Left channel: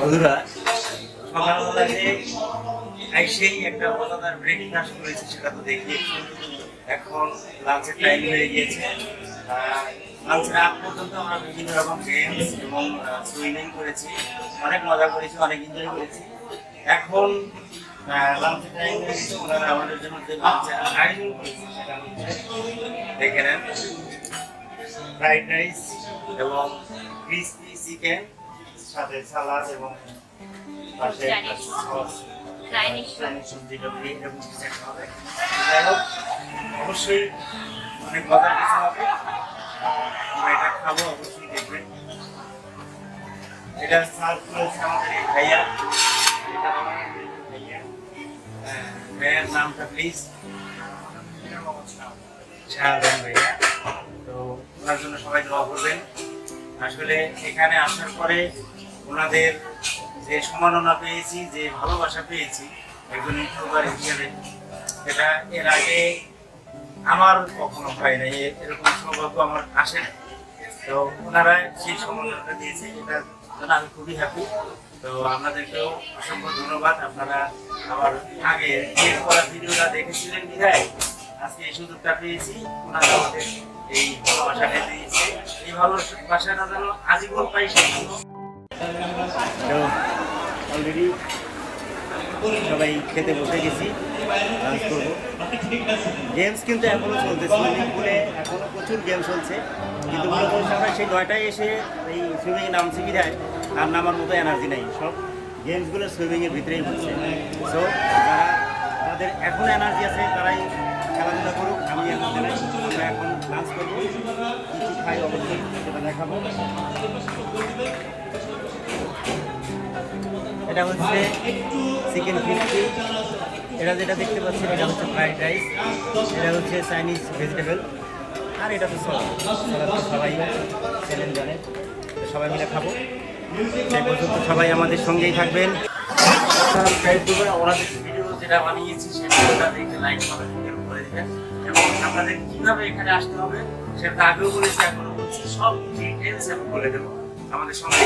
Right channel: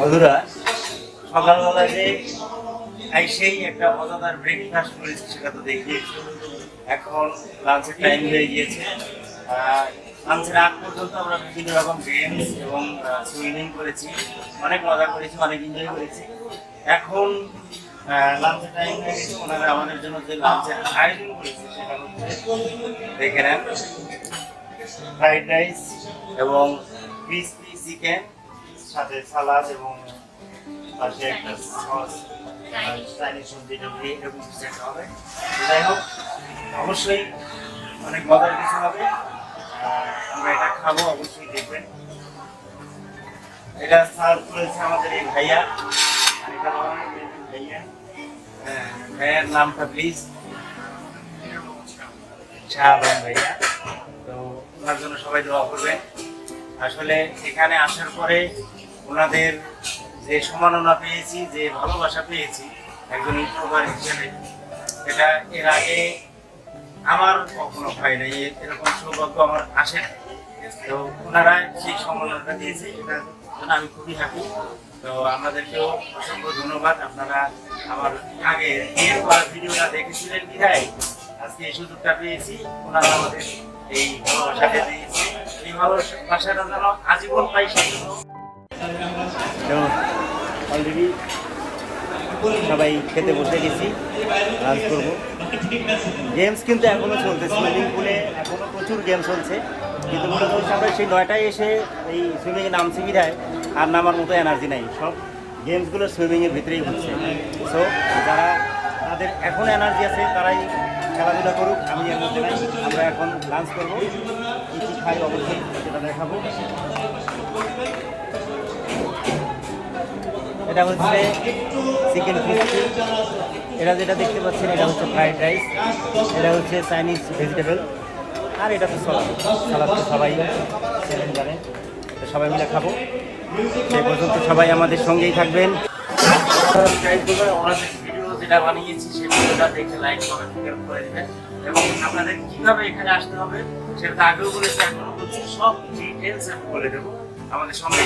বন্ধুরা সকালবেলা যে সেই একটা মজাদার ব্রেকফাস্ট করেছি, সেটা তো দেখিয়েছি। এখন লাঞ্চের টাইম হয়ে গিয়েছে। লাঞ্চের আগ পর্যন্ত আমরা বিভিন্ন রকম গেমস এবং সুইমিং করেছি। অনেক মজা করেছি, অনেক এনজয় করেছি। এখন লাঞ্চের টাইম হয়ে গেছে। ওনারা আমাদের জন্য যে লাঞ্চের আয়োজন করেছে, সেটা হচ্ছে দেখে নেন ফ্রাইড রাইস এবং ক্রিসপি চিকেন সাথে সালাদ এবং পাশে একটা সস হবে। যাই হোক অবশ্যই অনেক মজার কিছু হবে। আমরা এটা খাব অবশ্যই দেখবেন। এটা সার্ভ করেছে আমাদের এই ভাইয়া। ভাইয়া। হ্যাঁ, ভাইয়ার নামটা প্লিজ শাহবান ভাইয়া। তো ওনার জন্য সবাই দোয়া করবেন। আসলে এখানে আসার পরে ওনাদের যে সম্মাননা পেয়েছি, যে ভালোবাসা পেয়েছি, একজন ইউটিউবার হিসেবে এটা এর আগে আমার কখনো পাই নাই এরকম সৌভাগ্য আমার আসে তো ওনারা সেই সম্মাননাটা দিয়েছে, এটা জন্য আমি খুবই হ্যাপি তো আপনাদেরকেও অসংখ্য ধন্যবাদ, আপনারা আমার আগে বিয়ের করা ভিডিওটা দেখেছিলেন বিধায়, আজকে এই সুযোগটা পেয়েছি, ওনারা আমাদের এই ভালোবাসাটা দিয়েছে আজীবন তো অলরেডি সবাই খেতে বসে গেছি লাঞ্চ করব। গেমস কিন্তু এখনও চলছে সুইমিং পুলে এখনও প্রচুর গেম চলছে। কিন্তু মনে করছি আমরা সেই নয়টায় এসে এই সুইমিংয়ে নামছি বিধায়, আর নামার মতো এনার্জি নাই। সব গেমসগুলো সুইমিংয়ের ভিতরেই হচ্ছে। সো যারা তাদের এখন এনার্জি আছে, তারাই খেলাধুলা করুক, আমি এর মধ্যে নাই। আমরা এখন লাঞ্চ করব। কিছু খাই, অবশ্যই সেটা দেখাবো। এটা হচ্ছে চিকেন ক্রিস্পি এটা যেটা দেখতে পাচ্ছেন, এটা হচ্ছে ফ্রাইড রাইস এটা হচ্ছে চাইনিজ ভেজিটেবল আর এটা হচ্ছে সালাদ সালাদ তো সবাই চ্যালেঞ্জ জানে। তো সবাই মিলে খাব। সেই পর্যন্ত সবাই আমাদের সঙ্গেই থাকবেন। যেটা বানিয়েছি দেবেন। এবং আপনাদের কীভাবে এখানে আসতে হবে, সেটা আগেও বলেছি সব বলে দেবো। আমাদের সঙ্গে